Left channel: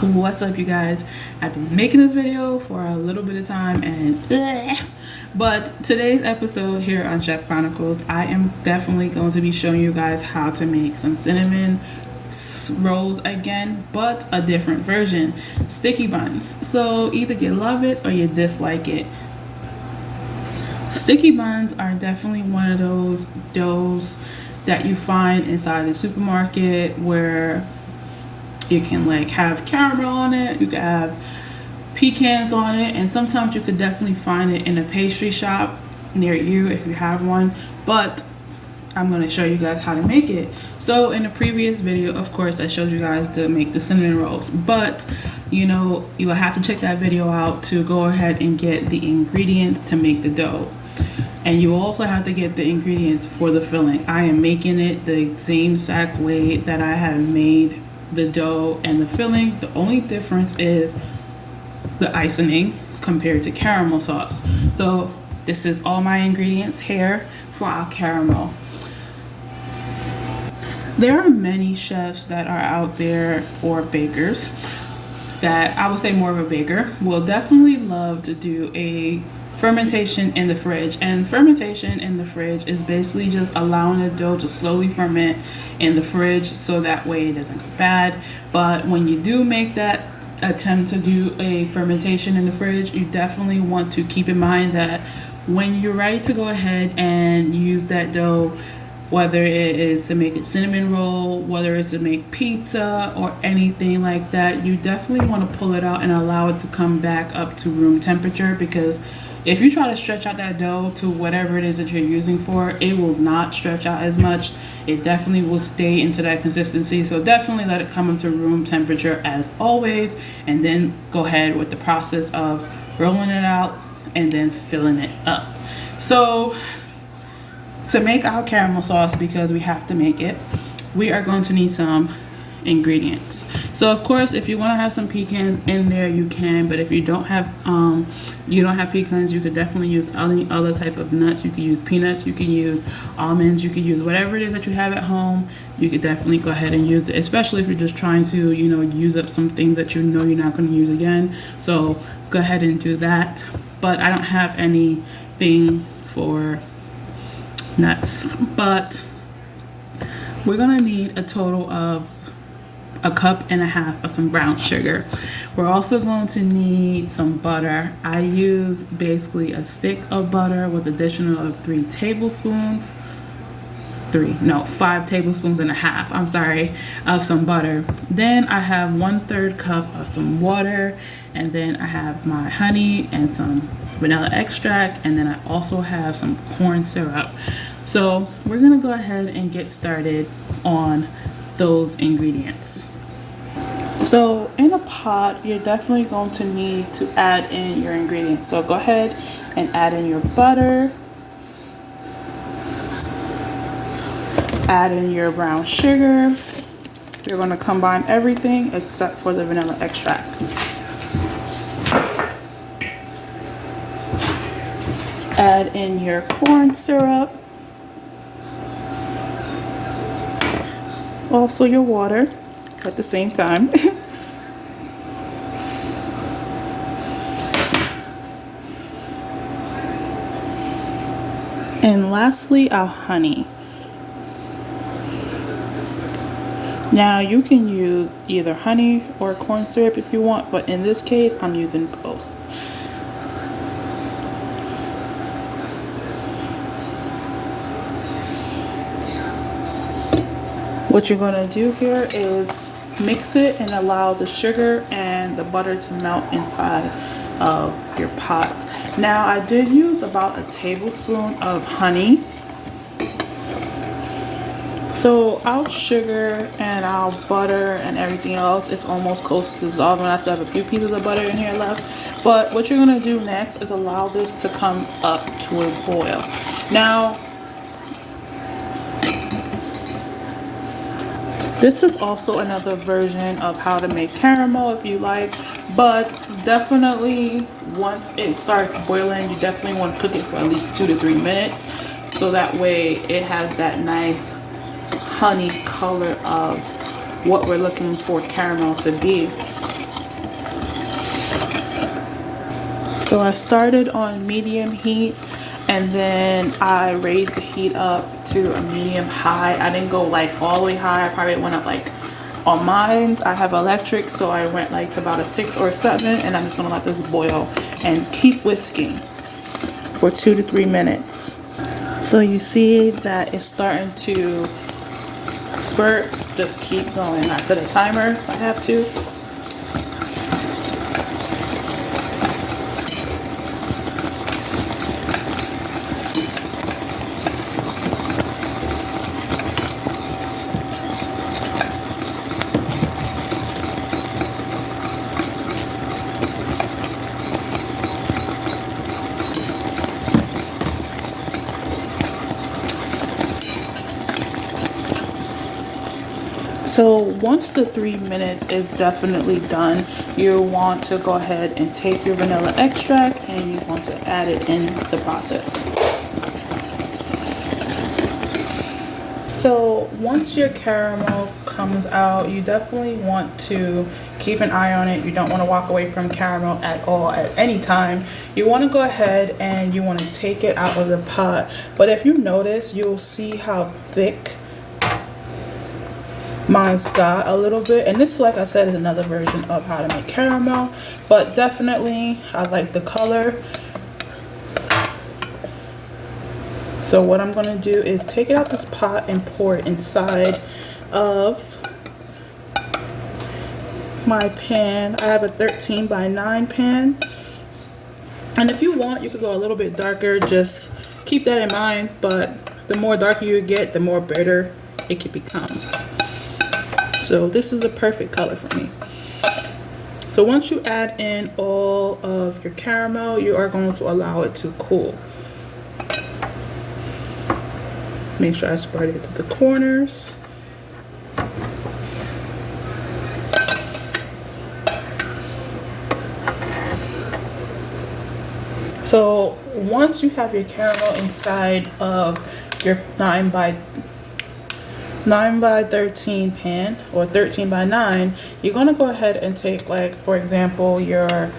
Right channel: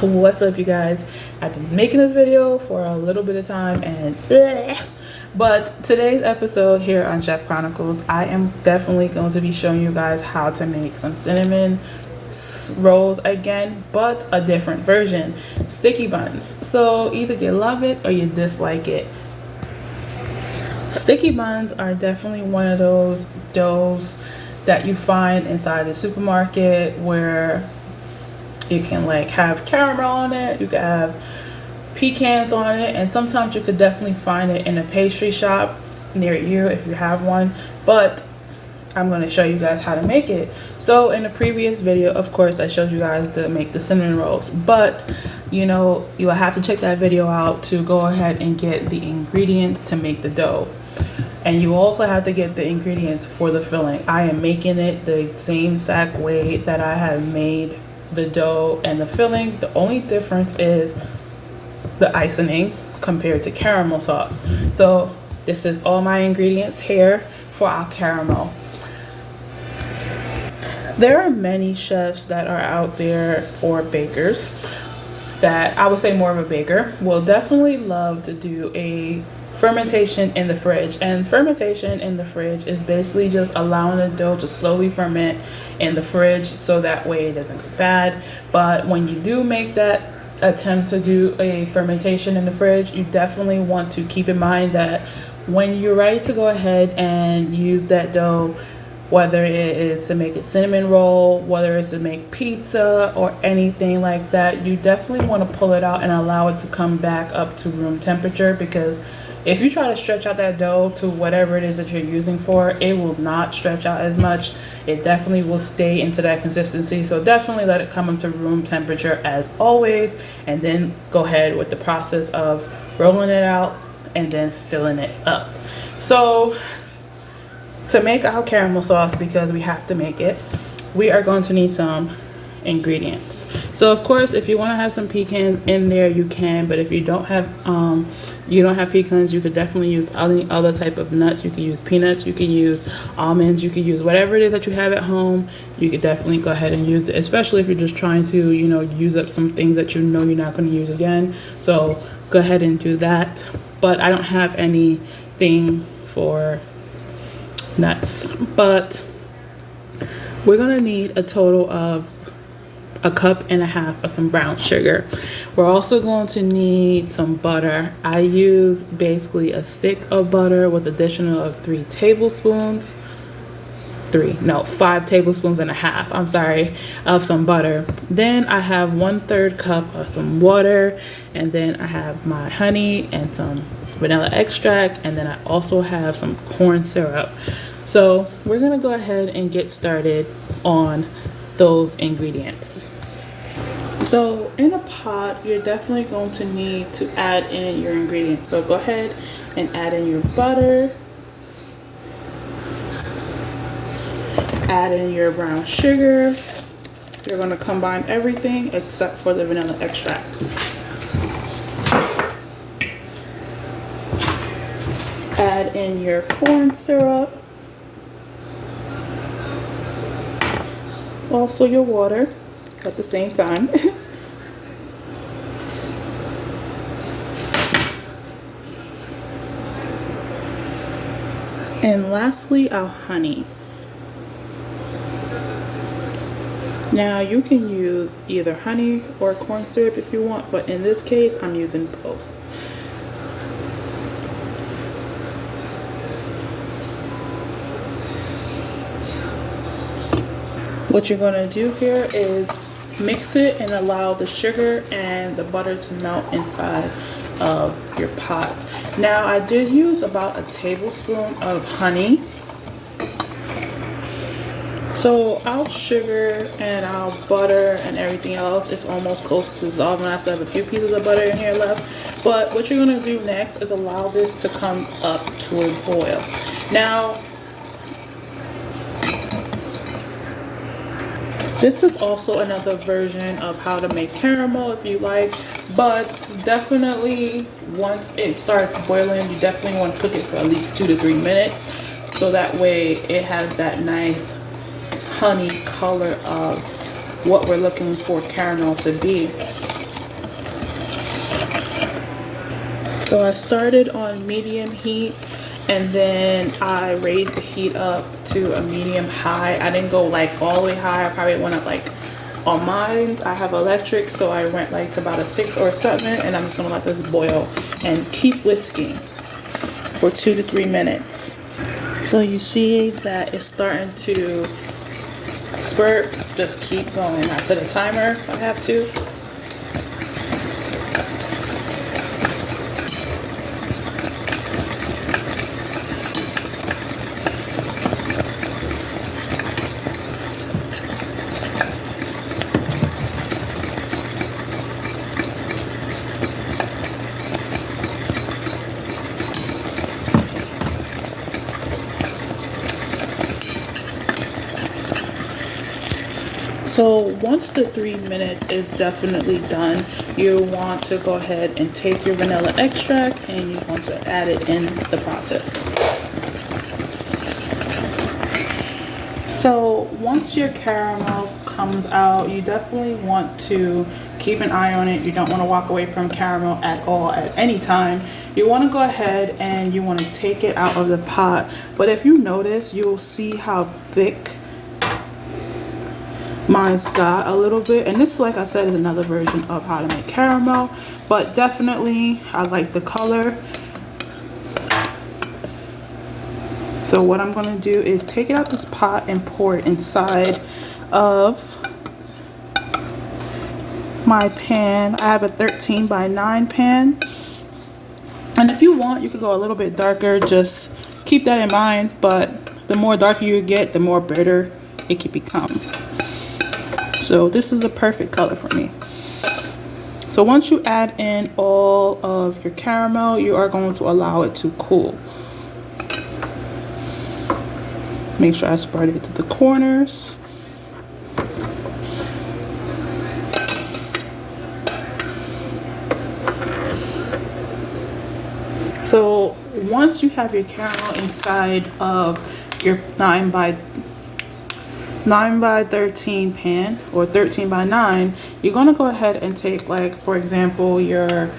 What's up, you guys? I've been making this video for a little bit of time but today's episode here on Chef Chronicles, I am definitely going to be showing you guys how to make some cinnamon rolls again, but a different version. Sticky buns. So either you love it or you dislike it. Sticky buns are definitely one of those doughs that you find inside the supermarket where you can like have caramel on it, you can have pecans on it, and sometimes you could definitely find it in a pastry shop near you if you have one. But I'm going to show you guys how to make it. So in the previous video, of course, I showed you guys to make the cinnamon rolls, but you know, you will have to check that video out to go ahead and get the ingredients to make the dough. And you also have to get the ingredients for the filling. I am making it the same exact way that I have made the dough and the filling. The only difference is the icing compared to caramel sauce. So this is all my ingredients here for our caramel. There are many chefs that are out there, or bakers, that I would say more of a baker, will definitely love to do a fermentation in the fridge. And fermentation in the fridge is basically just allowing the dough to slowly ferment in the fridge so that way it doesn't go bad. But when you do make that attempt to do a fermentation in the fridge, you definitely want to keep in mind that when you're ready to go ahead and use that dough, whether it is to make a cinnamon roll, whether it's to make pizza or anything like that, you definitely want to pull it out and allow it to come back up to room temperature, because if you try to stretch out that dough to whatever it is that you're using for, it will not stretch out as much. It definitely will stay into that consistency. So definitely let it come into room temperature as always, and then go ahead with the process of rolling it out and then filling it up. So to make our caramel sauce, because we have to make it, we are going to need some ingredients. So of course, if you want to have some pecans in there, you can, but if you don't have pecans, you could definitely use any other type of nuts. You can use peanuts, you can use almonds, you can use whatever it is that you have at home. You could definitely go ahead and use it, especially if you're just trying to, you know, use up some things that you know you're not going to use again. So go ahead and do that. But I don't have anything for nuts, but we're gonna need a total of 1.5 cups of some brown sugar. We're also going to need some butter. I use basically a stick of butter with additional of 5 tablespoons and a half, of some butter. Then I have 1/3 cup of some water, and then I have my honey and some vanilla extract, and then I also have some corn syrup. So we're gonna go ahead and get started on those ingredients. So in a pot, you're definitely going to need to add in your ingredients. So go ahead and add in your butter, add in your brown sugar. You're going to combine everything except for the vanilla extract. Add in your corn syrup, also your water at the same time. And lastly, our honey. Now you can use either honey or corn syrup if you want, but in this case I'm using both. What you're going to do here is mix it and allow the sugar and the butter to melt inside of your pot. Now I did use about 1 tablespoon of honey. So our sugar and our butter and everything else is almost close to dissolving. I still have a few pieces of butter in here left. But what you're going to do next is allow this to come up to a boil. Now, this is also another version of how to make caramel if you like, but definitely once it starts boiling, you definitely want to cook it for at least 2 to 3 minutes, so that way it has that nice honey color of what we're looking for caramel to be. So I started on medium heat and then I raised the heat up to a medium high. I didn't go like all the way high. I probably went up like, on mine I have electric, so I went like to about a 6 or 7, and I'm just gonna let this boil and keep whisking for 2 to 3 minutes. So you see that it's starting to spurt. Just keep going. I set a timer if I have to. So once the 3 minutes is definitely done, you want to go ahead and take your vanilla extract and you want to add it in the process. So once your caramel comes out, you definitely want to keep an eye on it. You don't want to walk away from caramel at all at any time. You want to go ahead and you want to take it out of the pot. But if you notice, you'll see how thick mine's got a little bit, and this, like I said, is another version of how to make caramel, but definitely I like the color. So what I'm going to do is take it out this pot and pour it inside of my pan. I have a 13 by 9 pan, and if you want, you could go a little bit darker. Just keep that in mind, but the more darker you get, the more bitter it can become. So this is the perfect color for me. So once you add in all of your caramel, you are going to allow it to cool. Make sure I spread it to the corners. So once you have your caramel inside of your 9 by 13 pan or 13 by 9, you're going to go ahead and take, like, for example, your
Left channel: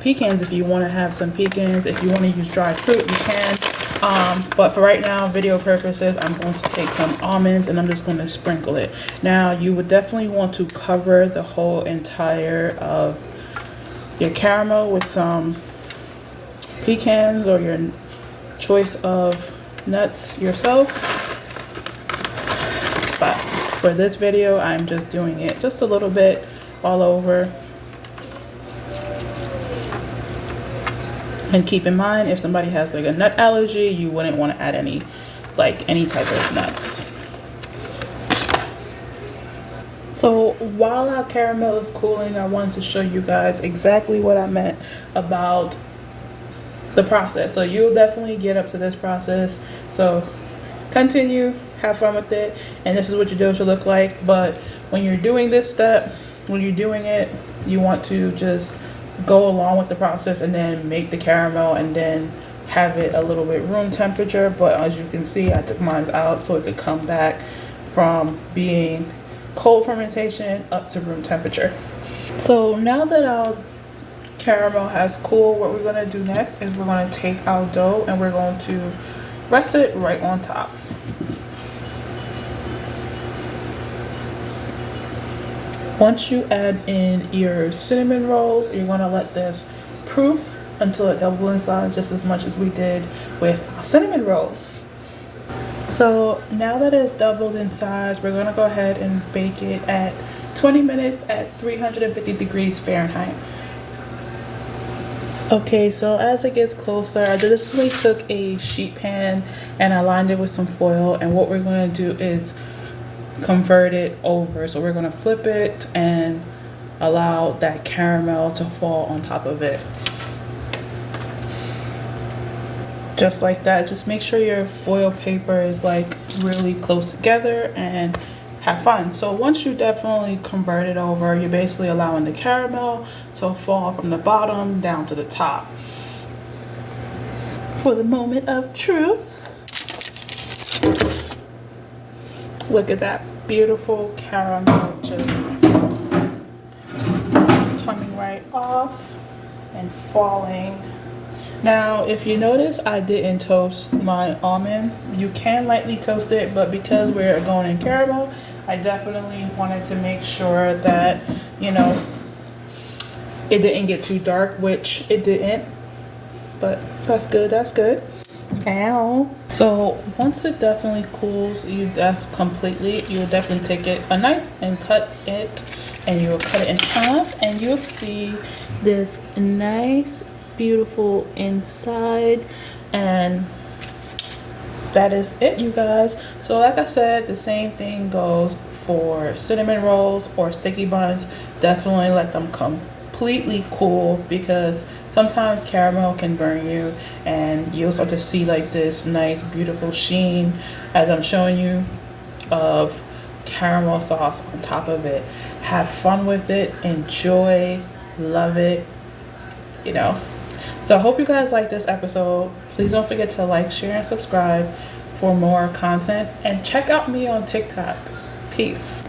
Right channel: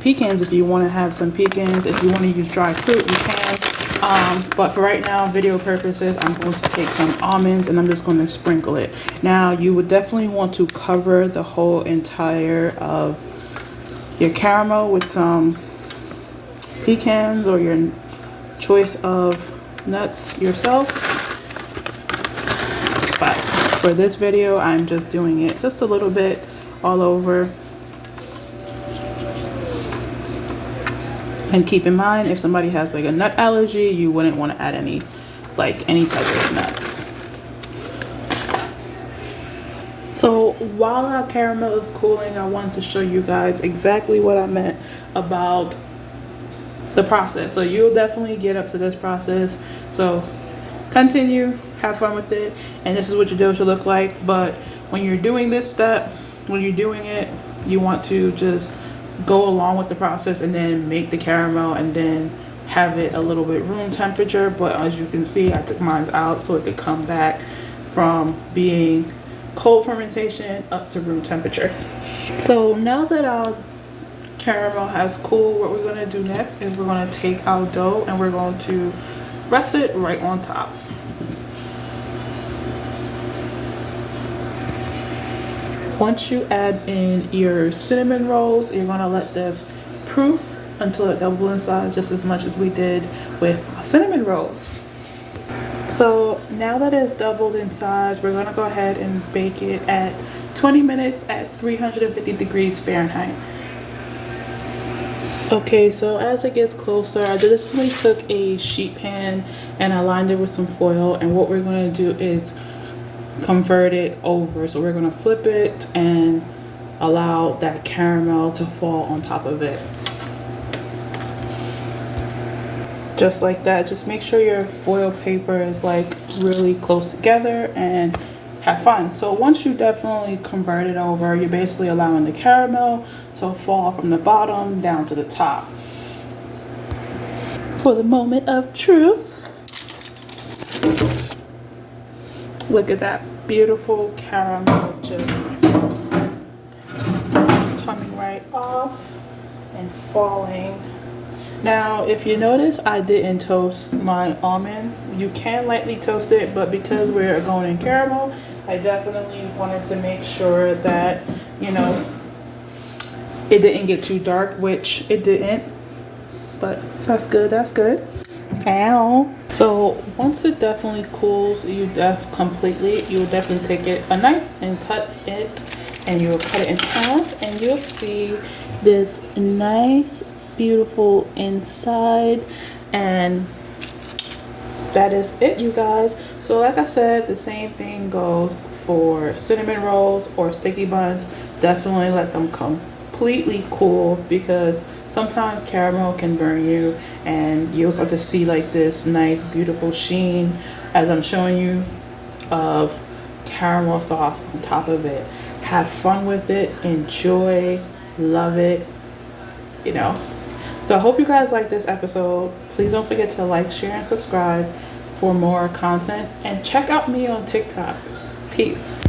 pecans. If you want to have some pecans, if you want to use dried fruit, you can, but for right now, video purposes, I'm going to take some almonds and I'm just going to sprinkle it. Now you would definitely want to cover the whole entire of your caramel with some pecans or your choice of nuts yourself. But for this video, I'm just doing it just a little bit all over. And keep in mind, if somebody has like a nut allergy, you wouldn't want to add any type of nuts. So while our caramel is cooling, I wanted to show you guys exactly what I meant about the process. So you'll definitely get up to this process. So continue, have fun with it, and this is what your dough should look like. But when you're doing this step, when you're doing it, you want to just go along with the process and then make the caramel and then have it a little bit room temperature. But as you can see, I took mine out so it could come back from being cold fermentation up to room temperature. So now that our caramel has cooled, what we're going to do next is we're going to take our dough and we're going to rest it right on top. Once you add in your cinnamon rolls, you're going to let this proof until it doubles in size, just as much as we did with our cinnamon rolls. So now that it's doubled in size, we're going to go ahead and bake it at 20 minutes at 350 degrees Fahrenheit. Okay, so as it gets closer, I definitely took a sheet pan and I lined it with some foil, and what we're going to do is convert it over. So we're going to flip it and allow that caramel to fall on top of it. Just like that. Just make sure your foil paper is like really close together and have fun. So once you definitely convert it over, you're basically allowing the caramel to fall from the bottom down to the top. For the moment of truth, look at that beautiful caramel just coming right off and falling. Now, if you notice, I didn't toast my almonds. You can lightly toast it, but because we're going in caramel, I definitely wanted to make sure that, you know, it didn't get too dark, which it didn't. But that's good, that's good. Ow. So once it definitely cools, you'll definitely take a knife and cut it, and you'll cut it in half, and you'll see this nice beautiful inside. And that is it, you guys. So like I said, the same thing goes for cinnamon rolls or sticky buns. Definitely let them completely cool, because sometimes caramel can burn you, and you'll start to see like this nice beautiful sheen as I'm showing you of caramel sauce on top of it. Have fun with it, enjoy, love it, you know. So I hope you guys like this episode. Please don't forget to like, share, and subscribe for more content, and check out me on TikTok. Peace.